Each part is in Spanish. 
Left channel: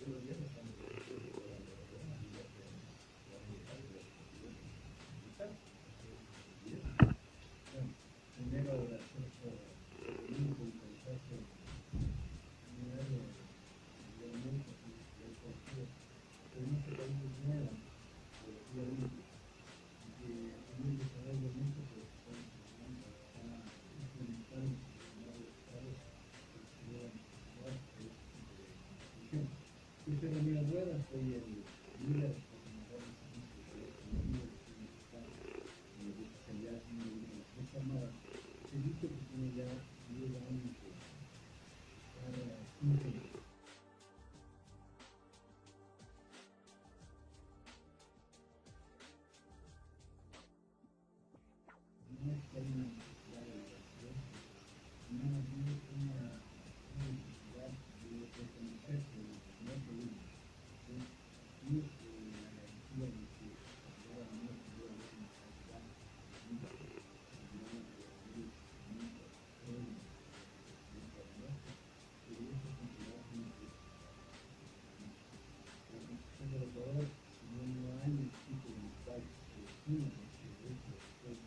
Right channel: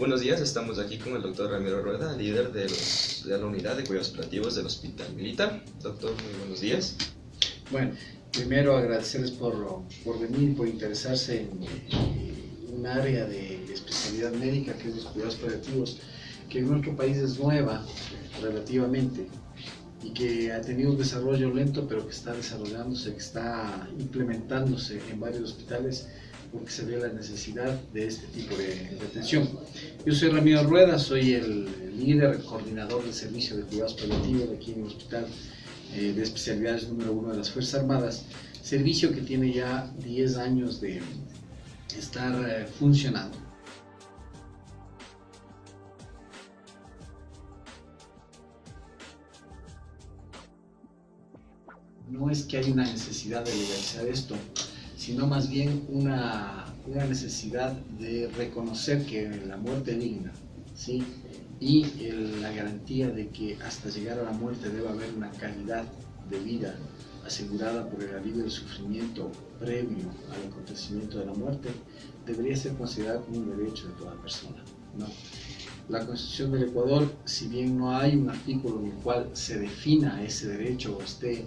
Buenos días, estamos aquí con el doctor Ramiro Rueda, líder de la unidad de cuidados paliativos del Hospital Militar. Doctor, muy buenos días. Bueno, primero agradecerles por venir, por interesarse en un área de especialidad médica que es los cuidados paliativos, que en nuestro país es nueva relativamente y que ha tenido un desarrollo lento, pero que está desarrollándose, que está implementándose en varios hospitales porque se ve la necesidad de este tipo de atención. Yo soy Ramiro Rueda, soy el líder, el coordinador del servicio de cuidados paliativos aquí en el Hospital de Especialidades número 1 de las Fuerzas Armadas, servicio que tiene ya 10 años de estar funcionando. No es que hay una necesidad de legalizar esto, sino más bien una necesidad de reconocer que la muerte digna, ¿sí? Y la garantía de que hasta llegar a la muerte debe haber una calidad de vida asegurada por el alivio del sufrimiento previo al acontecimiento de la muerte, debería ser considerado como un derecho de toda persona, ¿no? La Constitución del Ecuador, si bien no hay un artículo en el cual se defina ese derecho o esté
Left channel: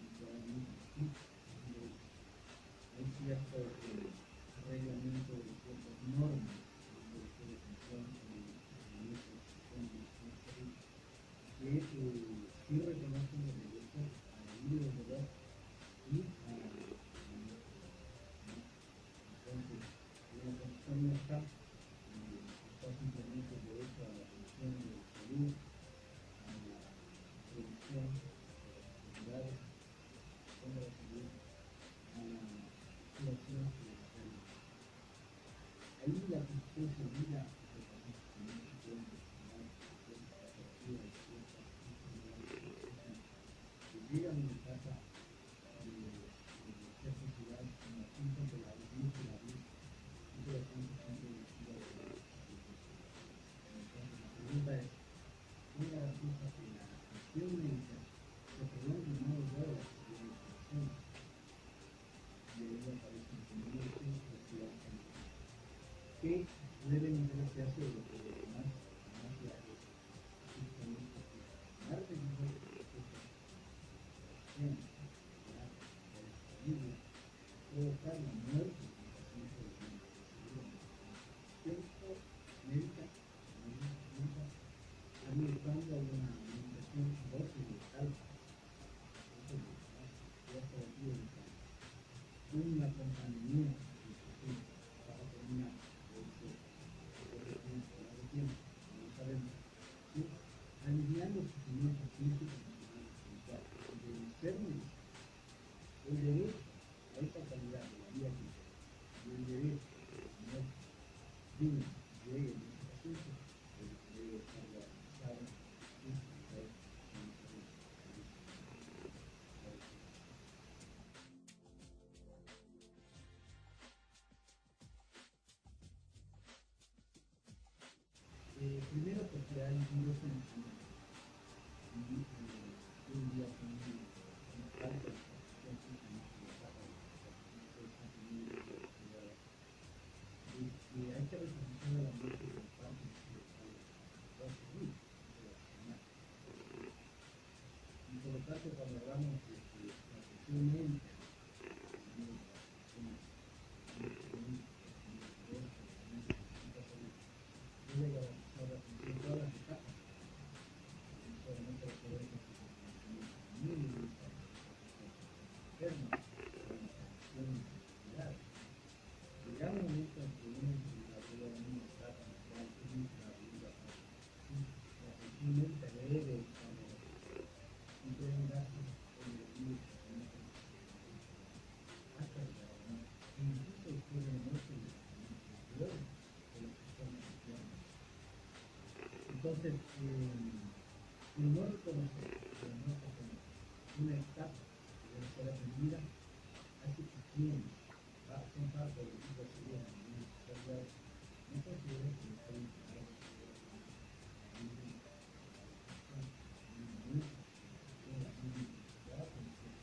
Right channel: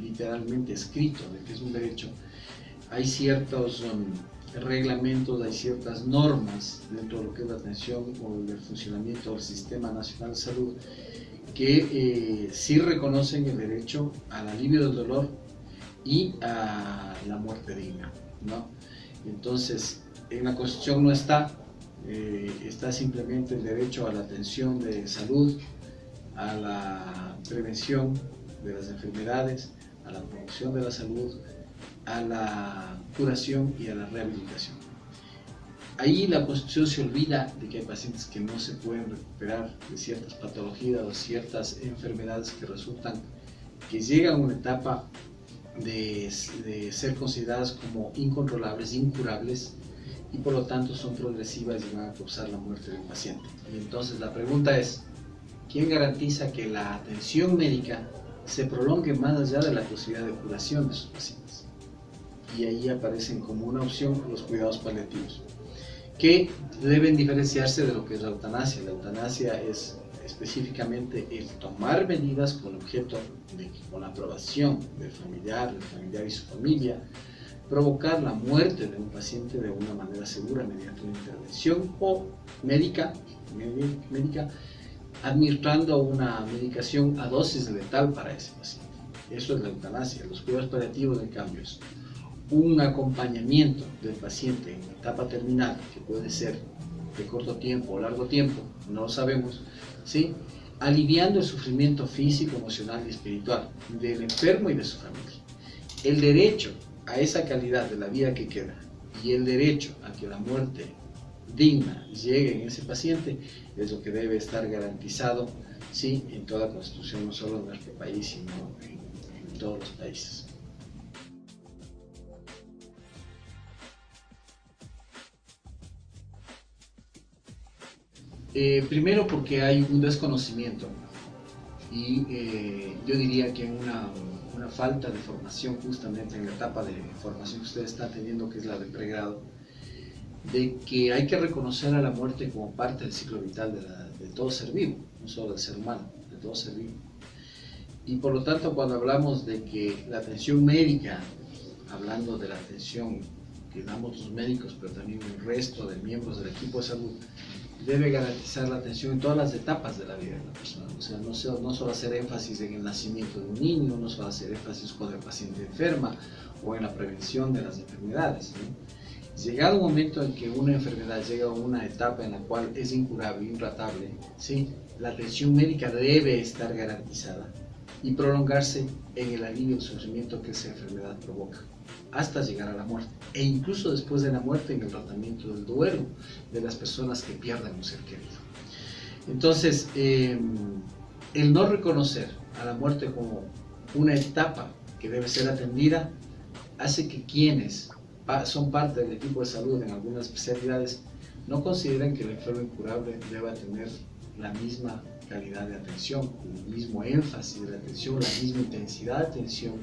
literalmente escrito de que es un derecho, hay ciertos reglamentos, hay ciertas normas dentro de lo que es la atención o el funcionamiento del Sistema Nacional de Salud que sí reconocen el derecho al alivio del dolor y a la muerte digna, ¿no? Entonces, en la Constitución no está, está simplemente el derecho a la atención de salud, a la prevención de las enfermedades, a la promoción de la salud, a la curación y a la rehabilitación. Ahí la Constitución se olvida de que hay pacientes que no se pueden recuperar de ciertas patologías o ciertas enfermedades que resultan, que llegan a una etapa de ser consideradas como incontrolables, incurables, y por lo tanto son progresivas y van a causar la muerte del paciente. Y entonces la pregunta es, ¿quién garantiza que la atención médica se prolongue más allá de la posibilidad de curación de sus pacientes? Y ahí aparecen como una opción los cuidados paliativos, que deben diferenciarse de lo que es la eutanasia. La eutanasia es específicamente el tomar medidas con objeto de que con la aprobación del familiar y su familia, provocar la muerte de un paciente de una manera segura mediante una intervención o médica administrando una medicación a dosis letal para ese paciente. Eso es la eutanasia. Los cuidados paliativos, en cambio, es un acompañamiento del paciente en etapa terminal, que puede ser de corto tiempo o largo tiempo, no lo sabemos, ¿sí? Aliviando el sufrimiento físico, emocional y espiritual del enfermo y de su familia. El derecho a esa calidad de la vida que queda y el derecho a que la muerte digna llegue en ese paciente es lo que debe estar garantizado, ¿sí? En toda Constitución, no solo en nuestro país, sino en todos los países. Primero porque hay un desconocimiento y yo diría que una falta de formación justamente en la etapa de formación que ustedes están teniendo, que es la de pregrado, de que hay que reconocer a la muerte como parte del ciclo vital de todo ser vivo, no solo del ser humano, de todo ser vivo. Y por lo tanto, cuando hablamos de que la atención médica, hablando de la atención que damos los médicos, pero también el resto de miembros del equipo de salud, debe garantizar la atención en todas las etapas de la vida de la persona. O sea, no solo hacer énfasis en el nacimiento de un niño, no solo hacer énfasis cuando el paciente enferma o en la prevención de las enfermedades, ¿no? Llegado un momento en que una enfermedad llega a una etapa en la cual es incurable, intratable, ¿sí? La atención médica debe estar garantizada y prolongarse en el alivio del sufrimiento que esa enfermedad provoca, hasta llegar a la muerte, e incluso después de la muerte en el tratamiento del duelo de las personas que pierden un ser querido. Entonces, el no reconocer a la muerte como una etapa que debe ser atendida hace que quienes son parte del equipo de salud en algunas especialidades no consideren que el enfermo incurable deba tener la misma calidad de atención, el mismo énfasis de atención, la misma intensidad de atención,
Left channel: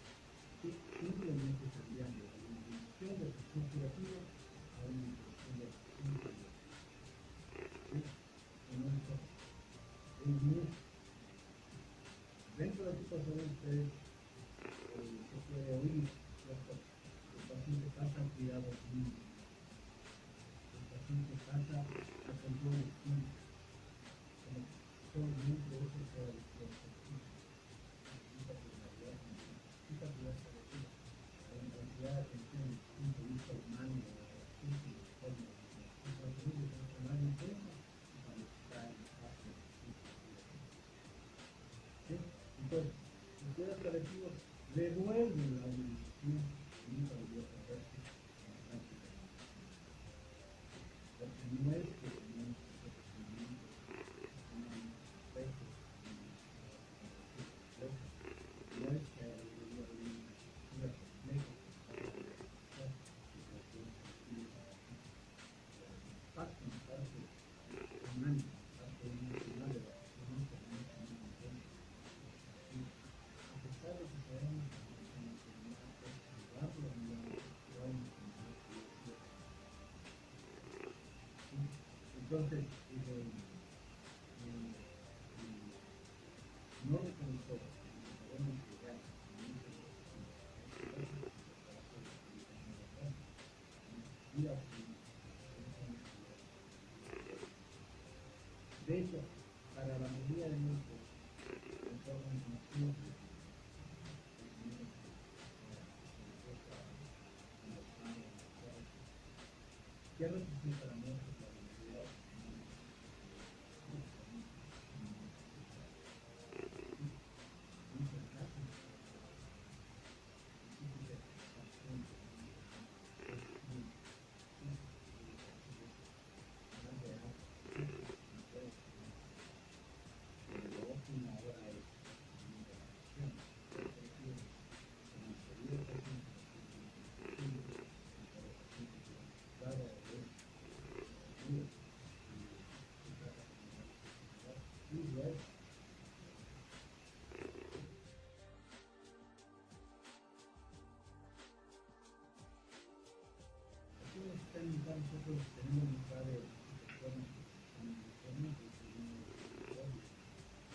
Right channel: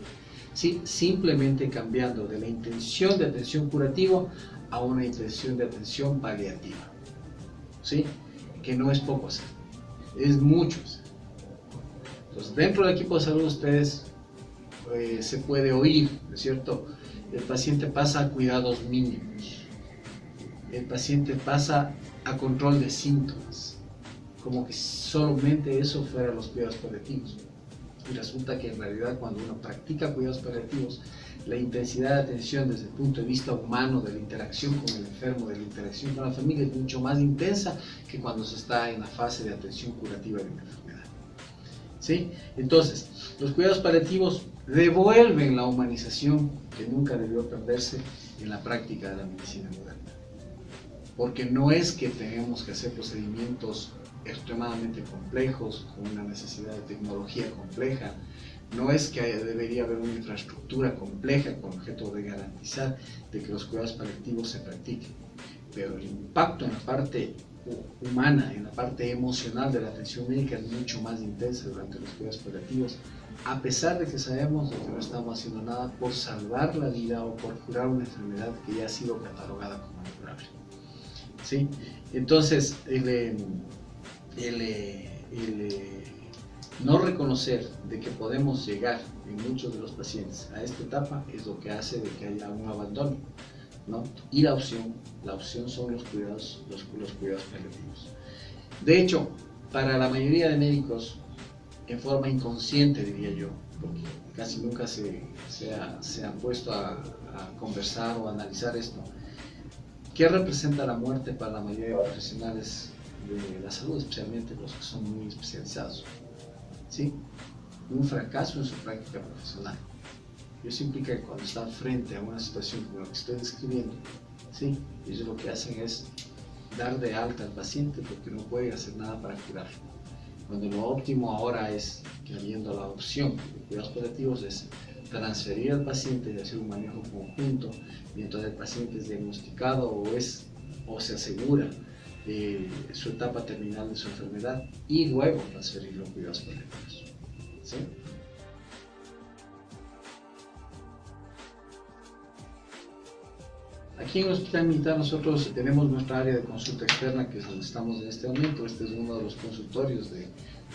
¿sí? Simplemente cambiando de la intención de atención curativa a una intención de atención paliativa. ¿sí? Que no es poco hacer, es mucho hacer. Entonces, dentro del equipo de salud ustedes se puede oír, ¿no es cierto? El paciente pasa a cuidados mínimos, el paciente pasa a control de síntomas, como que solamente eso fuera los cuidados paliativos. Y resulta que en realidad cuando uno practica cuidados paliativos, la intensidad de atención desde el punto de vista humano, de la interacción con el enfermo, de la interacción con la familia, es mucho más intensa que cuando se está en la fase de atención curativa de una enfermedad. ¿Sí? Entonces, los cuidados paliativos devuelven la humanización que nunca debió perderse en la práctica de la medicina moderna. Porque no es que tengamos que hacer procedimientos extremadamente complejos, con una necesidad de tecnología compleja, no es que debería haber una infraestructura compleja con objeto de garantizar de que los cuidados paliativos se practiquen, pero el impacto en la parte humana, en la parte emocional de la atención médica es mucho más intensa durante los cuidados paliativos, a pesar de que sabemos que no estamos haciendo nada por salvar la vida o por curar una enfermedad que ya ha sido catalogada como incurable. ¿Sí? Entonces, no reconocer de que podemos llegar en muchos de los pacientes a esta etapa es lo que hace de que haya un abandono, ¿no? Y la opción son los cuidados paliativos. De hecho, para la mayoría de médicos, en forma inconsciente diría yo, porque casi nunca se han puesto a conversar o a analizar esto, ¿qué representa la muerte para la mayoría de profesionales de la salud, especialmente los que son muy especializados? ¿Sí? Un fracaso en su práctica profesional. Eso implica que cuando están frente a una situación como la que estoy describiendo, ¿sí? Ellos lo que hacen es dar de alta al paciente porque no pueden hacer nada para curarlo. Donde lo óptimo ahora es que, habiendo la opción de cuidados paliativos, es transferir al paciente y hacer un manejo conjunto mientras el paciente es diagnosticado o se asegura su etapa terminal de su enfermedad y luego transferirlo a cuidados paliativos. ¿Sí? Aquí en el Hospital Militar nosotros tenemos nuestra área de consulta externa, que es donde estamos en este momento. Este es uno de los consultorios, de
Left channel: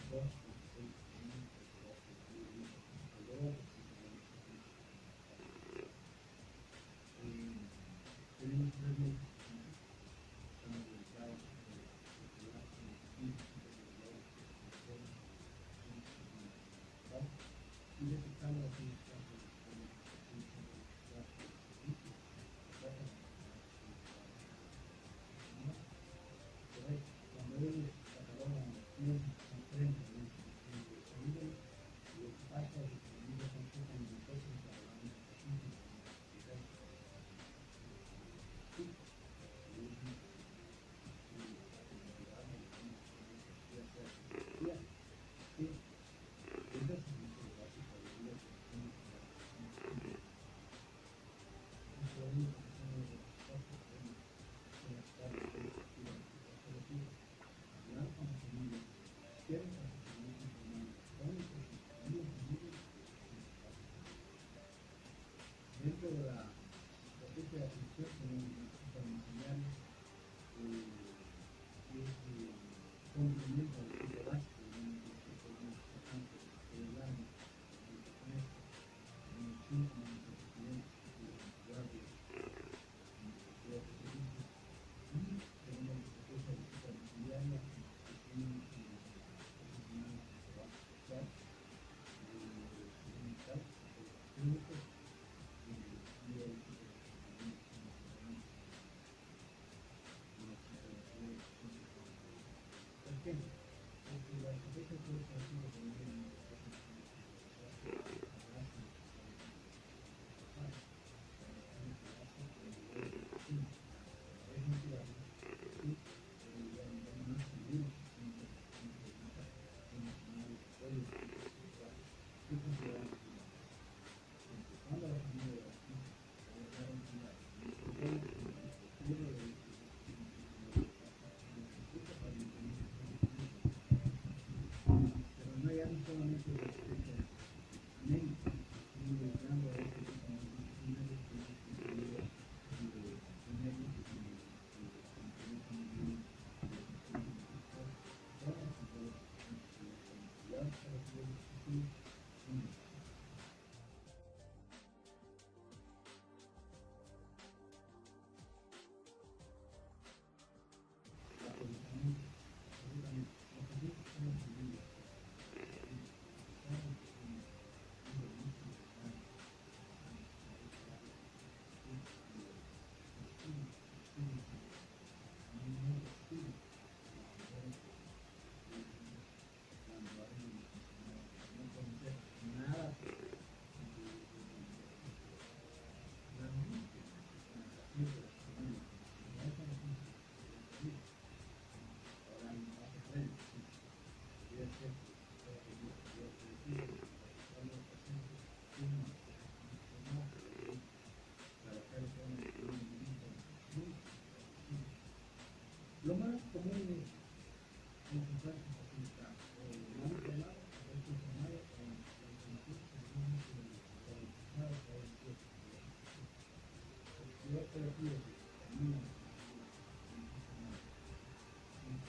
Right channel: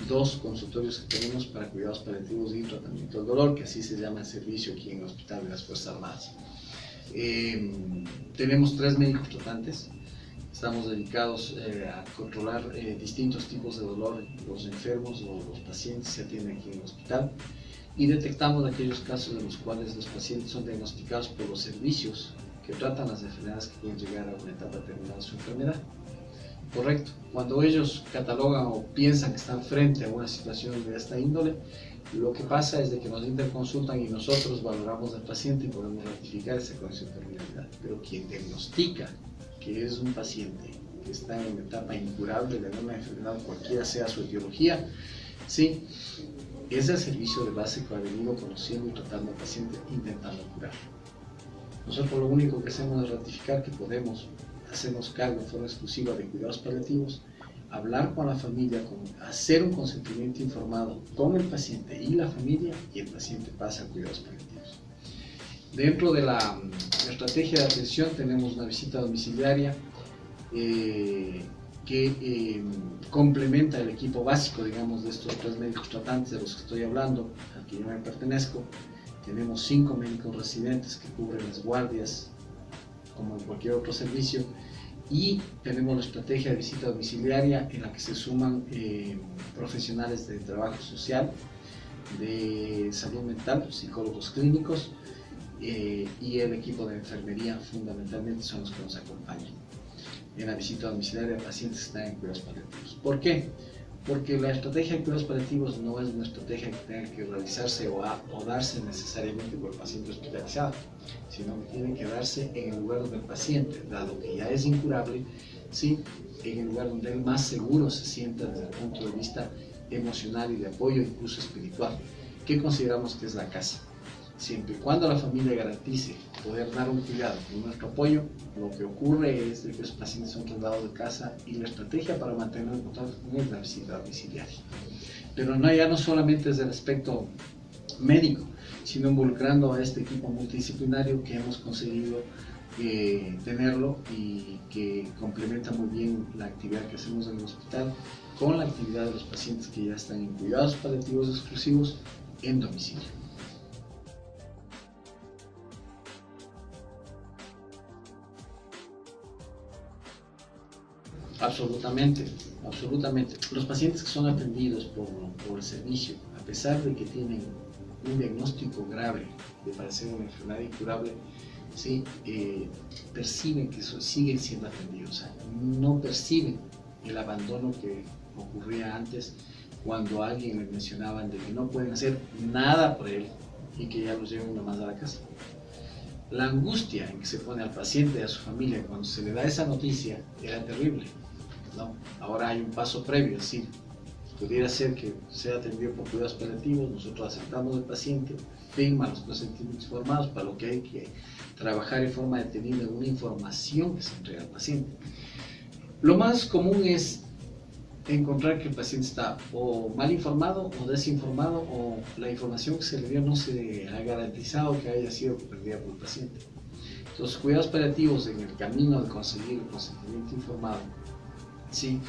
2 consultorios que tenemos para cuidados paliativos y tratamiento del dolor, que así se llama el servicio aquí en el Hospital de las Fuerzas Armadas. Tenemos 3 médicos tratantes. Estamos dedicados a controlar distintos tipos de dolor. Los enfermos o los pacientes se atienden aquí en el hospital y detectamos aquellos casos en los cuales los pacientes son diagnosticados por los servicios que tratan las enfermedades que pueden llegar a una etapa terminal de su enfermedad. Correcto. Cuando ellos catalogan o piensan que están frente a una situación de esta índole, lo que pasa es de que nos interconsultan y nosotros valoramos al paciente y podemos ratificar esa condición de terminalidad. Pero quien diagnostica que es un paciente que está en una etapa incurable de una enfermedad, cualquiera sea su etiología, ¿sí? Es el servicio de base que ha venido conociendo y tratando al paciente, intentando curarlo. Nosotros lo único que hacemos es ratificar que podemos hacernos cargo de forma exclusiva de cuidados paliativos, hablar con la familia, hacer un consentimiento informado con el paciente y la familia, y el paciente pasa a cuidados paliativos. Dentro de la estrategia de atención tenemos una visita domiciliaria que complementa el equipo básico, digamos, de estos 3 médicos tratantes de los que estoy hablando, al que yo me pertenezco. Tenemos 5 médicos residentes que cubren las guardias, como en cualquier otro servicio, y tenemos la estrategia de visita domiciliaria en la que se suman profesionales de trabajo social, de salud mental, psicólogos clínicos, y el equipo de enfermería fundamentalmente son los que nos acompañan en la visita domiciliaria de pacientes que están en cuidados paliativos. ¿Por qué? Porque la estrategia de cuidados paliativos no es una estrategia que tenga que realizarse o darse necesariamente por el paciente hospitalizado, sino que tiene que darse en el lugar del paciente, dado que ya es incurable, ¿sí? En el lugar donde él más seguro se sienta desde el punto de vista emocional y de apoyo, incluso espiritual, que consideramos que es la casa. Siempre y cuando la familia garantice poder dar un cuidado con nuestro apoyo, lo que ocurre es que los pacientes son trasladados de casa y la estrategia para mantener el contacto con él es la visita domiciliaria. Pero ya no solamente desde el aspecto médico, sino involucrando a este equipo multidisciplinario que hemos conseguido tenerlo y que complementa muy bien la actividad que hacemos en el hospital con la actividad de los pacientes que ya están en cuidados paliativos exclusivos en domicilio. Absolutamente, absolutamente. Los pacientes que son atendidos por el servicio, a pesar de que tienen un diagnóstico grave de padecer una enfermedad incurable, ¿sí? Perciben que siguen siendo atendidos, o sea, no perciben el abandono que ocurría antes cuando a alguien les mencionaban de que no pueden hacer nada por él y que ya los llevan nomás a la casa. La angustia en que se pone al paciente y a su familia cuando se le da esa noticia era terrible, ¿no? Ahora hay un paso previo, es decir, pudiera ser que sea atendido por cuidados paliativos, nosotros aceptamos al paciente, firma los consentimientos formados, para lo que hay que trabajar en forma detenida una información que se entrega al paciente. Lo más común es encontrar que el paciente está o mal informado o desinformado, o la información que se le dio no se ha garantizado que haya sido comprendida por el paciente. Los cuidados paliativos en el camino de conseguir el consentimiento informado, sí,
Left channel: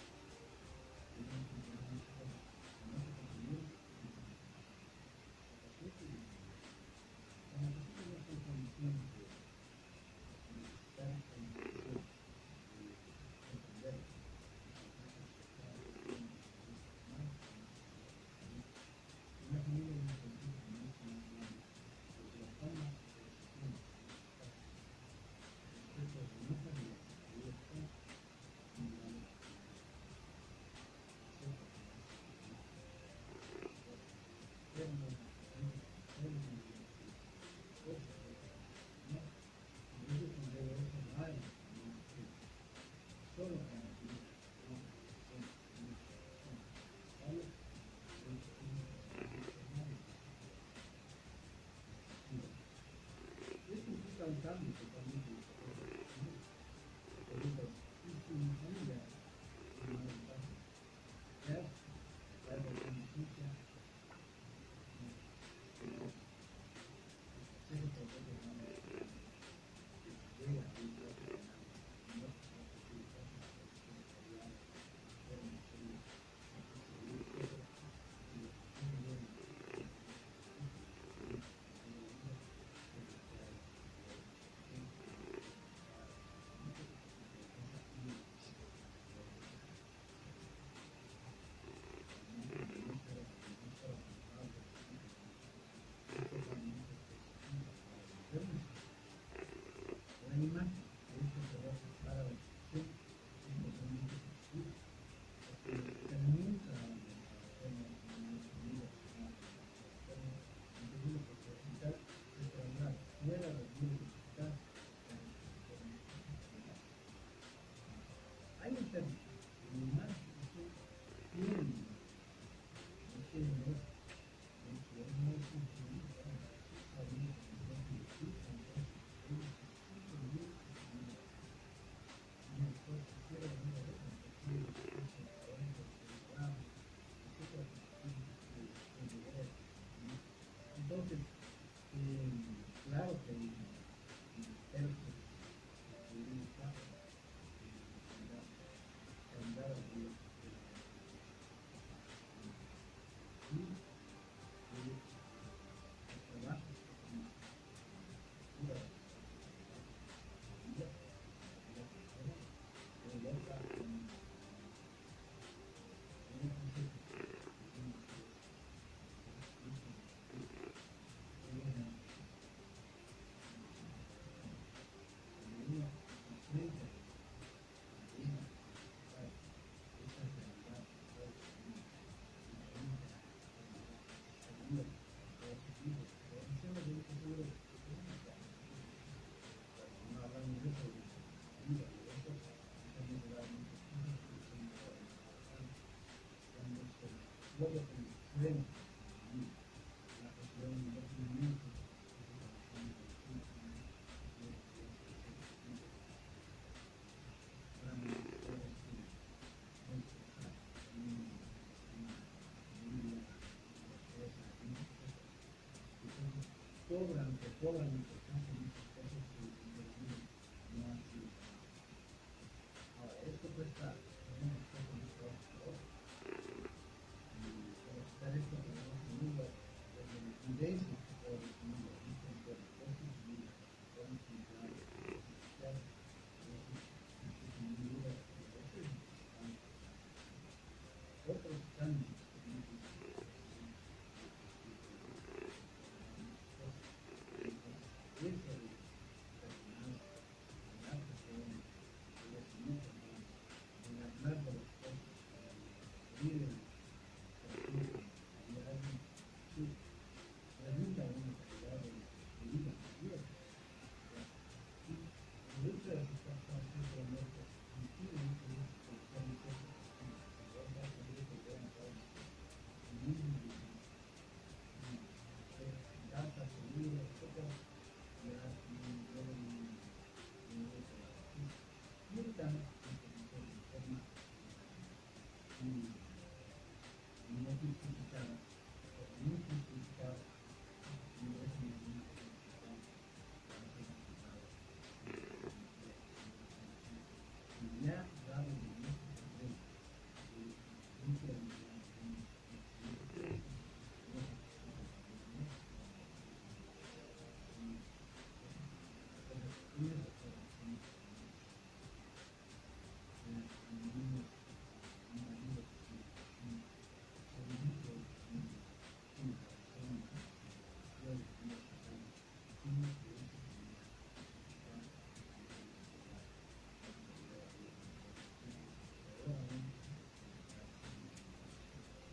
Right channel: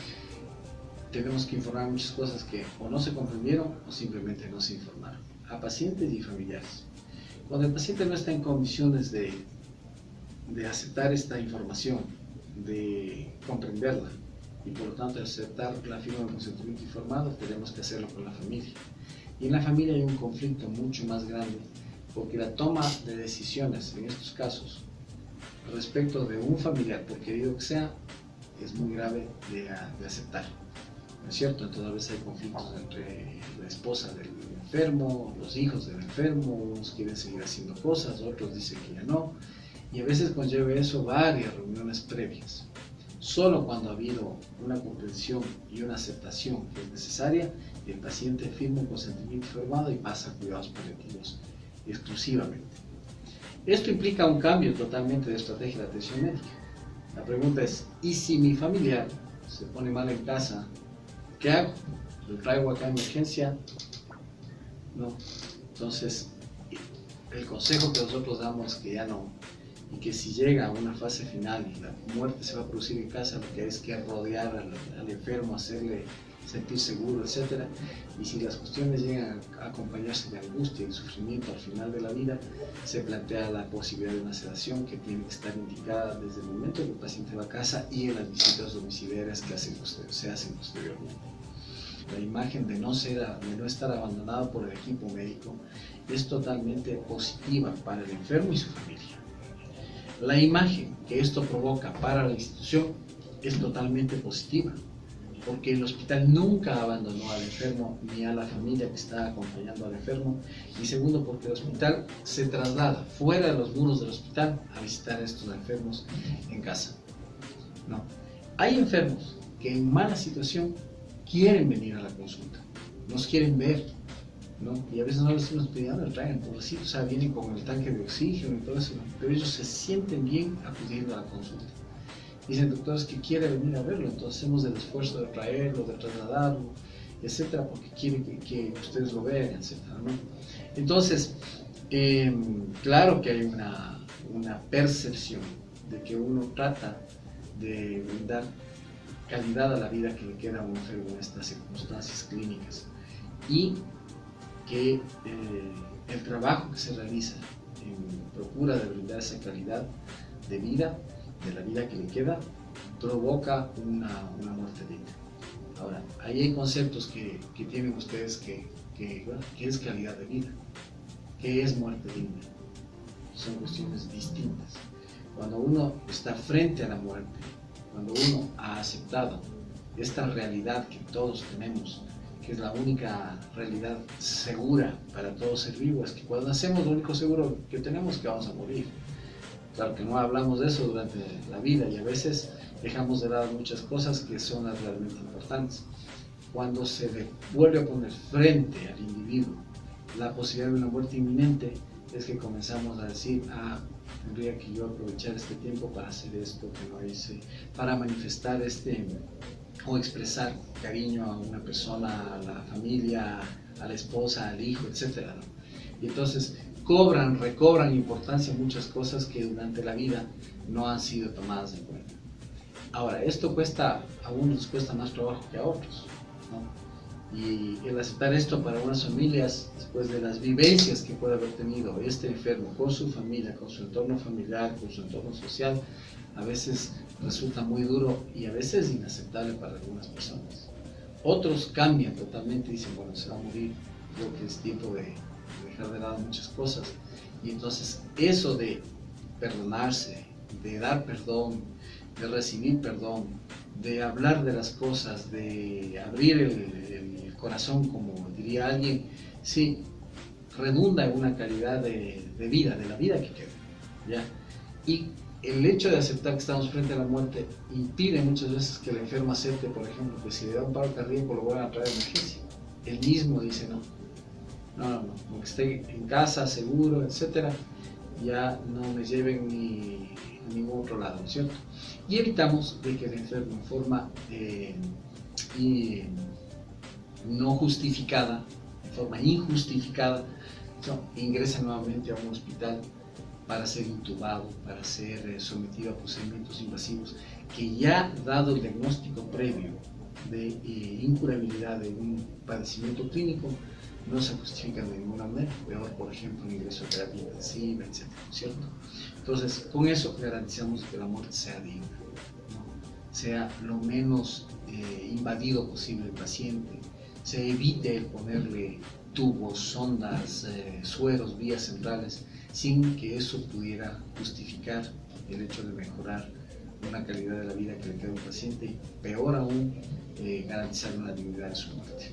tenemos que informar muchas cosas que o no se comprendieron o simplemente no se informaron a pacientes y familiares. Cuando el paciente no está en condiciones de aceptar esta información, de comprenderla y por lo tanto de aceptar la firma del consentimiento informado, tenemos que hacerlo con la familia. Y en la familia hay un conflicto mucho más grande, porque la toma de decisiones en estos casos respecto de un familiar, por querido que sea, es muy grave de aceptar, ¿no es cierto? Entonces a veces hay conflictos entre la esposa del enfermo, los hijos del enfermo, unos quieren seguir haciendo cosas, otros dicen que ya no, y a veces conlleva eso varias reuniones previas. Solo cuando ha habido una comprensión y una aceptación que es necesaria, el paciente firma un consentimiento informado y pasa a cuidados paliativos exclusivamente. Esto implica un cambio totalmente de estrategia de atención médica. La pregunta es, ¿y si mi familiar se pone mal en casa? ¿Qué hago? ¿Lo traigo acá en emergencia? No. Entonces, el consejo que nosotros damos es que ya no, y que si llega a una fase final y la muerte se va a producir en casa, lo que hay es que rodear al enfermo, hacerle sentir seguro, etc. Y si las cuestiones llegan a acompañarse de angustia y sufrimiento al final de la vida, se plantea la posibilidad de una sedación que tiene que estar indicada desde el momento en que el paciente va a casa y en las visitas domiciliarias que se hacen posteriormente. La imagen de no estar abandonado por el equipo médico es totalmente positiva para el enfermo y su familia. La imagen que esto provoca para la institución es totalmente positiva, porque el hospital nunca abandonó al enfermo ni a la familia que está acompañando al enfermo, y segundo, porque el hospital se traslada fuera de los muros del hospital a visitar a estos enfermos en casa. No. Hay enfermos que en mala situación quieren venir a la consulta, nos quieren ver, ¿no? Y a veces no les estamos pidiendo el traigan, pobrecitos, o sea, vienen con el tanque de oxígeno y todo eso, ¿no? Pero ellos se sienten bien acudiendo a la consulta. Dicen, doctores, que quiere venir a verlo, entonces hacemos el esfuerzo de traerlo, de trasladarlo, etcétera, porque quieren que ustedes lo vean, etcétera, ¿no? Entonces, claro que hay una percepción de que uno trata de brindar calidad a la vida que le queda a un enfermo en estas circunstancias clínicas, y que el trabajo que se realiza en procura de brindar esa calidad de vida, de la vida que le queda, provoca una muerte digna. Ahora, ahí hay conceptos que tienen ustedes que ¿qué es calidad de vida? ¿Qué es muerte digna? Son cuestiones distintas. Cuando uno está frente a la muerte, cuando uno ha aceptado esta realidad que todos tenemos, que es la única realidad segura para todo ser vivo, es que cuando nacemos lo único seguro que tenemos es que vamos a morir. Claro que no hablamos de eso durante la vida y a veces dejamos de lado muchas cosas que son las realmente importantes. Cuando se vuelve a poner frente al individuo la posibilidad de una muerte inminente, es que comenzamos a decir, tendría que yo aprovechar este tiempo para hacer esto que no hice, para manifestar o expresar cariño a una persona, a la familia, a la esposa, al hijo, etc., ¿no? Y entonces recobran importancia muchas cosas que durante la vida no han sido tomadas en cuenta. Ahora, esto cuesta, a unos les cuesta más trabajo que a otros, ¿no? Y el aceptar esto para unas familias, después de las vivencias que puede haber tenido este enfermo con su familia, con su entorno familiar, con su entorno social, a veces resulta muy duro y a veces inaceptable para algunas personas. Otros cambian totalmente y dicen, bueno, se va a morir, creo que es tiempo de dejar de lado muchas cosas. Y entonces eso de perdonarse, de dar perdón, de recibir perdón, de hablar de las cosas, de abrir el corazón, como diría alguien, sí, redunda en una calidad de vida, de la vida que queda, ¿ya? Y el hecho de aceptar que estamos frente a la muerte impide muchas veces que el enfermo acepte, por ejemplo, que si le da un paro cardíaco lo van a traer a emergencia. Él mismo dice no, que esté en casa, seguro, etcétera, ya no me lleven ni a ningún otro lado, ¿cierto? Y evitamos de que el enfermo en forma no justificada, en forma injustificada, ingrese nuevamente a un hospital para ser intubado, para ser sometido a procedimientos invasivos, que ya dado el diagnóstico previo de incurabilidad de un padecimiento clínico, no se justifica de ninguna manera, peor por ejemplo un ingreso a terapia intensiva, etc., ¿cierto? Entonces, con eso garantizamos que la muerte sea digna, ¿no? Sea lo menos invadido posible el paciente, se evite el ponerle tubos, sondas, sueros, vías centrales, sin que eso pudiera justificar el hecho de mejorar una calidad de la vida que le queda al paciente y peor aún, garantizar una dignidad de su muerte.